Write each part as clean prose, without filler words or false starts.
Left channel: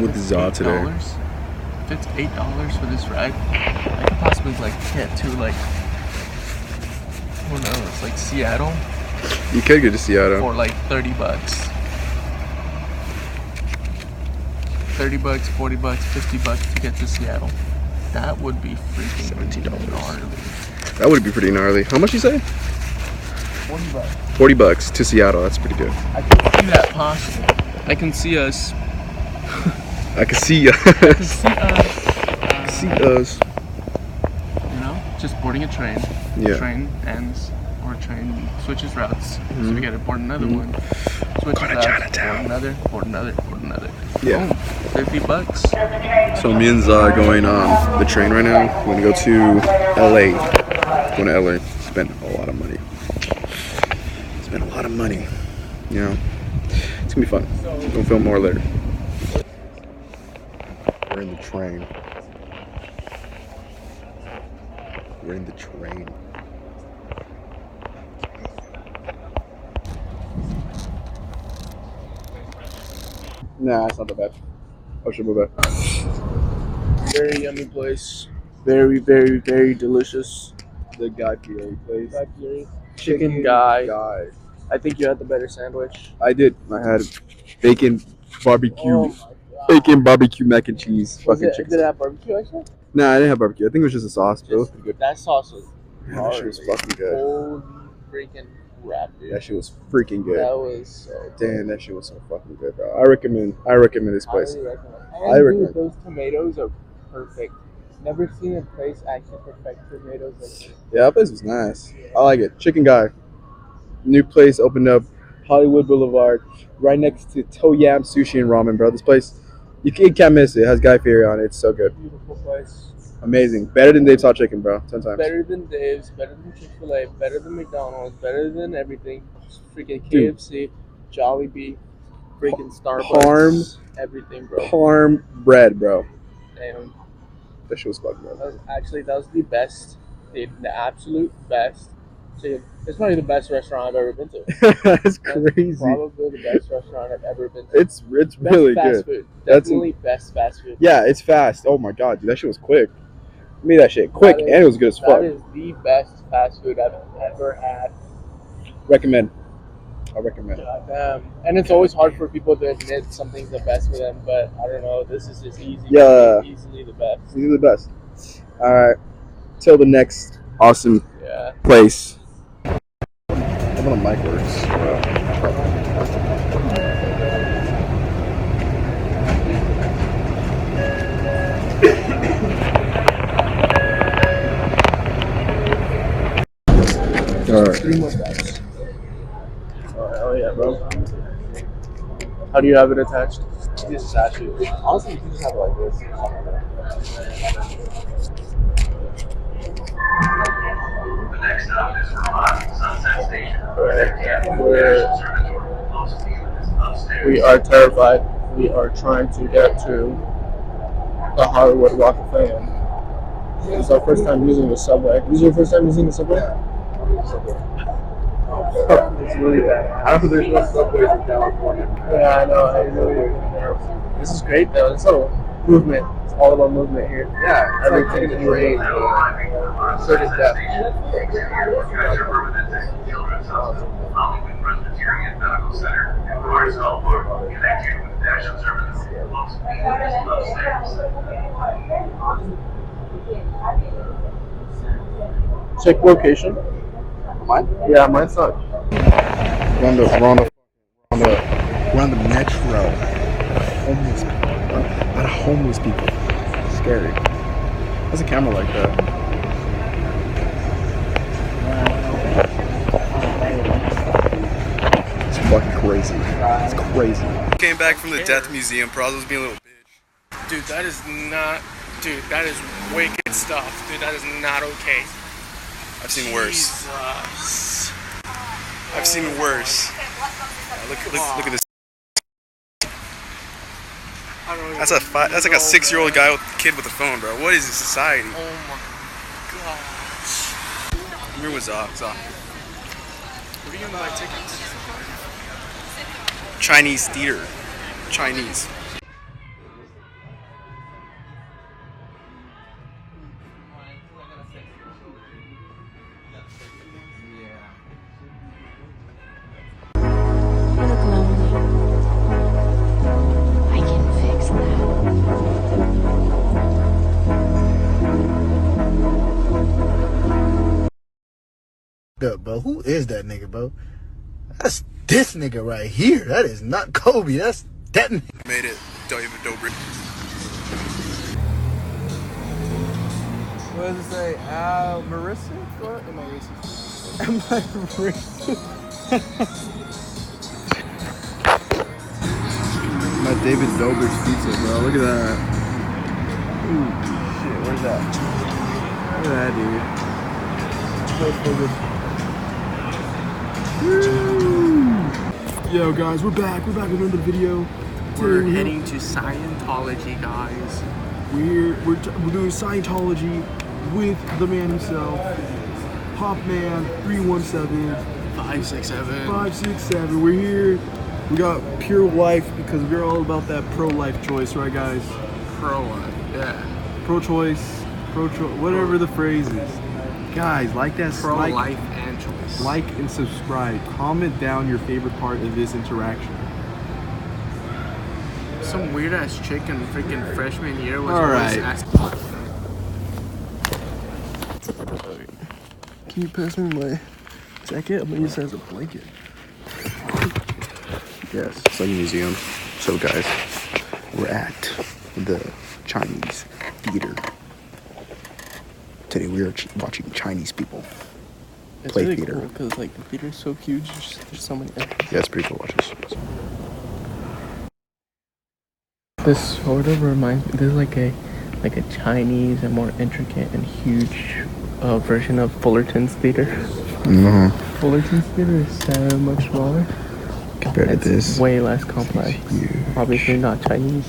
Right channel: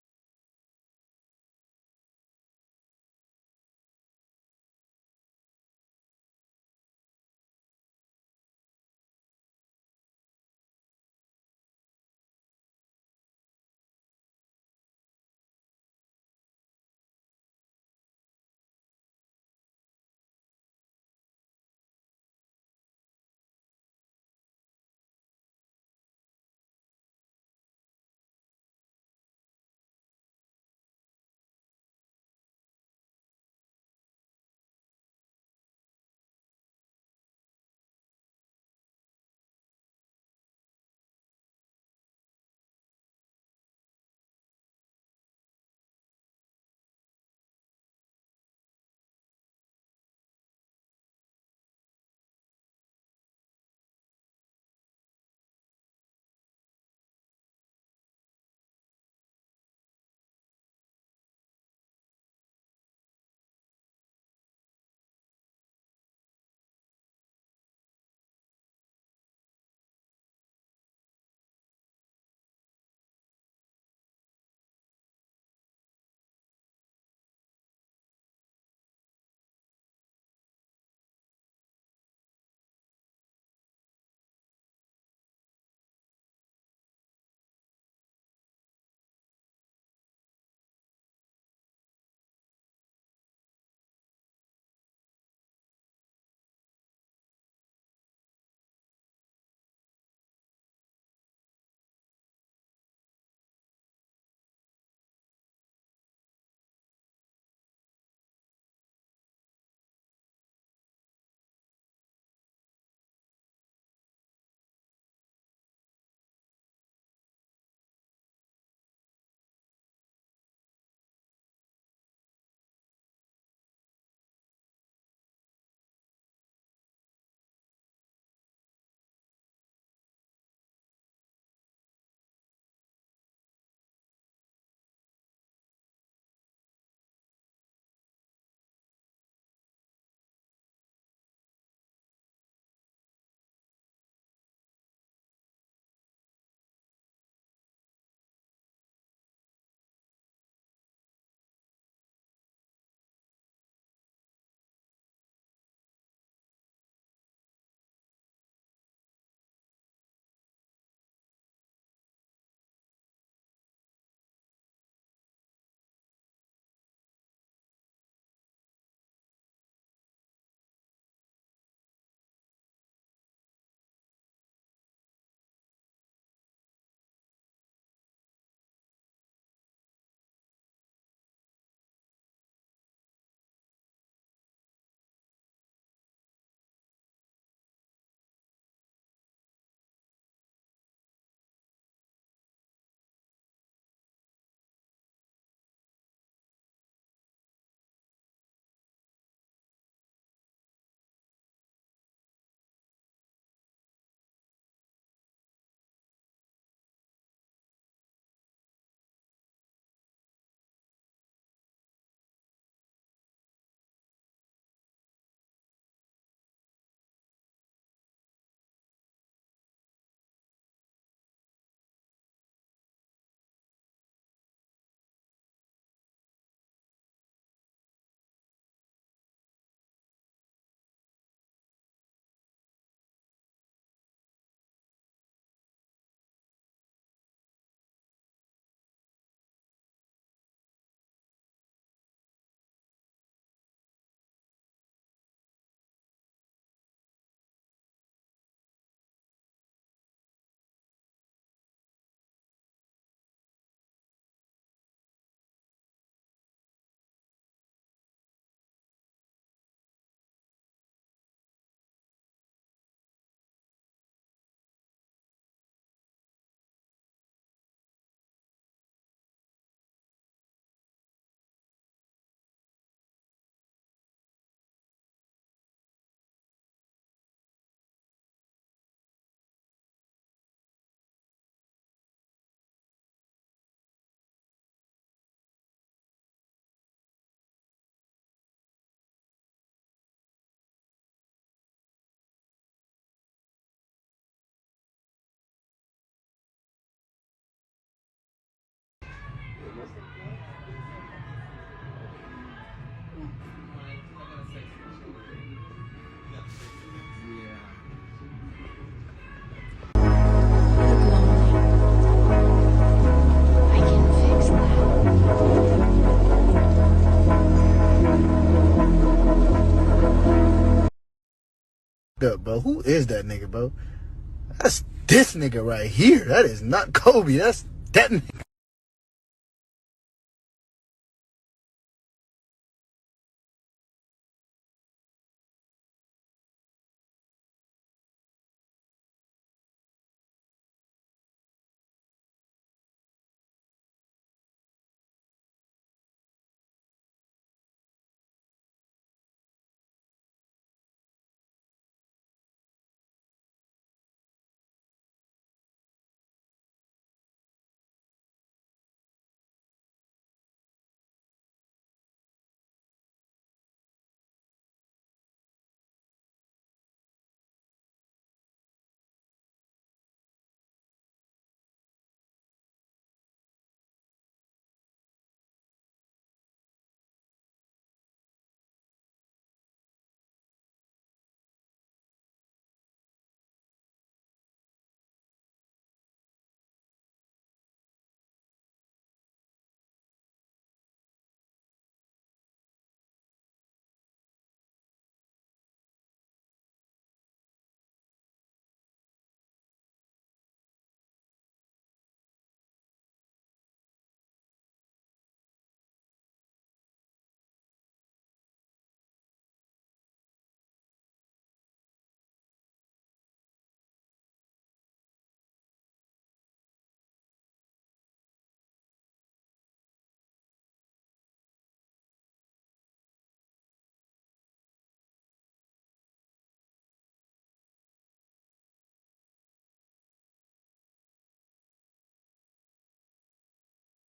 with Za today. If it's $8 for this ride, I could possibly like get to like, who knows, like Seattle. You could get to Seattle for like $30. $30, $40, $50 to get to Seattle. That would be freaking $17. gnarly. That would be pretty gnarly. How much you say? $40. $40 to Seattle. That's pretty good. I can see that possible. I can see us. I can see us. I can see us. See us. You know, just boarding a train. Yeah. The train ends, or a train switches routes. So we gotta board another one. Switch Go to routes, Chinatown. board another. Yeah. Boom, $50. So me and Za are going on the train right now. We're gonna go to LA. Going to LA. Spend a lot of money. Spend a lot of money. You know, it's gonna be fun. We'll film more later. We're in the train. We're in the train. Nah, it's not that bad. Oh, should move back. Very yummy place. Very, very, very delicious. The Guy Fieri place. Guy Fieri. Chicken Guy. Guy. I think you had the better sandwich. I did. I had bacon barbecue. Oh my god. Bacon barbecue mac and cheese. Was Fucking it, chicken. did it have barbecue actually? Nah, I didn't have barbecue. I think it was just a sauce, but it was pretty good. That sauce was Man, that shit was fucking good. holy freaking crap, dude. That shit was freaking good. That was so Damn, that shit was so fucking good, bro. I recommend this place. highly recommend. I recommend. Dude, those tomatoes are perfect. Never seen a place actually perfect tomatoes like this. Yeah, that place was nice. I like it. Chicken Guy. New place opened up, Hollywood Boulevard, right next to To Yam Sushi and Ramen, bro. This place, you can't miss it. It has Guy Fieri on it. It's so good. Beautiful place. Amazing. Better than Dave's Hot Chicken, bro. 10 times. Better than Dave's, better than Chick-fil-A, better than McDonald's, better than everything. Freaking Dude. KFC, Jollibee, freaking Starbucks. Parm. Everything, bro. Parm bread, bro. Damn. That shit was fucking good. That was the best, the absolute best. So it's probably the best restaurant I've ever been to. That's crazy. Probably the best restaurant I've ever been to. It's really best fast good. food. That's Definitely best fast food. Yeah, it's fast. Oh my god, dude, that shit was quick. I made that shit quick, and it was good as fuck. That is the best fast food I've ever had. Recommend. I recommend. And it's always hard for people to admit something's the best for them, but I don't know. This is just easy. Yeah. Easily the best. These are the best. All right. Till the next awesome place. How about a mic works? All right. 3 more steps. Oh, hell yeah, bro. How do you have it attached? This is actually honestly, you can just have it like this. The next stop is Vermont Sunset Station. We are terrified. We are trying to get to the Hollywood Walk of Fame. It's our first time using the subway. This is your first time using the subway? It's really bad. I don't know. There's no subways in California. Yeah, I know. I really. This is great though. It's all movement. It's all about movement here. Yeah, Everything is great. Certain depth. Children's Hospital, Hollywood Presbyterian Medical Center, and Barnesville Park, connect you with Dash Observance. Check location. Mine? Yeah, mine's not. We're on the metro. Homeless people. A lot of homeless people. Scary. How's a camera like that? It's fucking crazy. It's crazy. Came back from the Death Museum. Praz was being a little bitch. Dude, that is not. Dude, that is wicked stuff. Dude, that is not okay. I've seen worse. Jesus. I've seen worse. Look at this. That's like a 6-year-old guy with a kid with a phone, bro. What is this society? Oh my gosh. Where was Za? What are you gonna buy tickets? Chinese theater. Chinese. up, bro. Who is that nigga, bro? That's this nigga right here. That is not Kobe. That's that nigga. Made it. David Dobrik. What does it say? Marissa? What? Am I racist? Am I racist? My David Dobrik's pizza, bro. Look at that. Ooh, shit. Where's that? Look at that, dude. Yo, guys, we're back. We're back with another video. We're heading to Scientology, guys. We're doing Scientology with the man himself, Popman 317 567. 567. We're here. We got pure life because we're all about that pro-life choice, right, guys? Pro-life, yeah. Pro-choice, whatever the phrase is. Guys, like that. Pro-life and choice. Like and subscribe. Comment down your favorite part of this interaction. Some weird ass chick in freaking freshman year was All always right. asking. Can you pass me my jacket? I'm gonna use it as a blanket. Yes, it's like a museum. So, guys, we're at the Chinese theater. Today we are watching Chinese people play really theater. cool because like the theater's so huge. There's so many entrances. Yeah, it's pretty cool. Watch this. This sort of reminds me. There's like a Chinese and more intricate and huge version of Fullerton's theater. No, Fullerton's theater is so much smaller. compared It's to this. way less complex. Huge. Obviously not Chinese.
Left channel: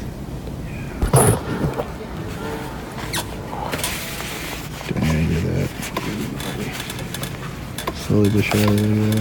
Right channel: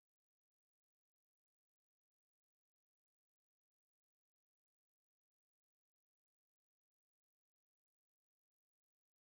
Don't hear that. Slowly but surely.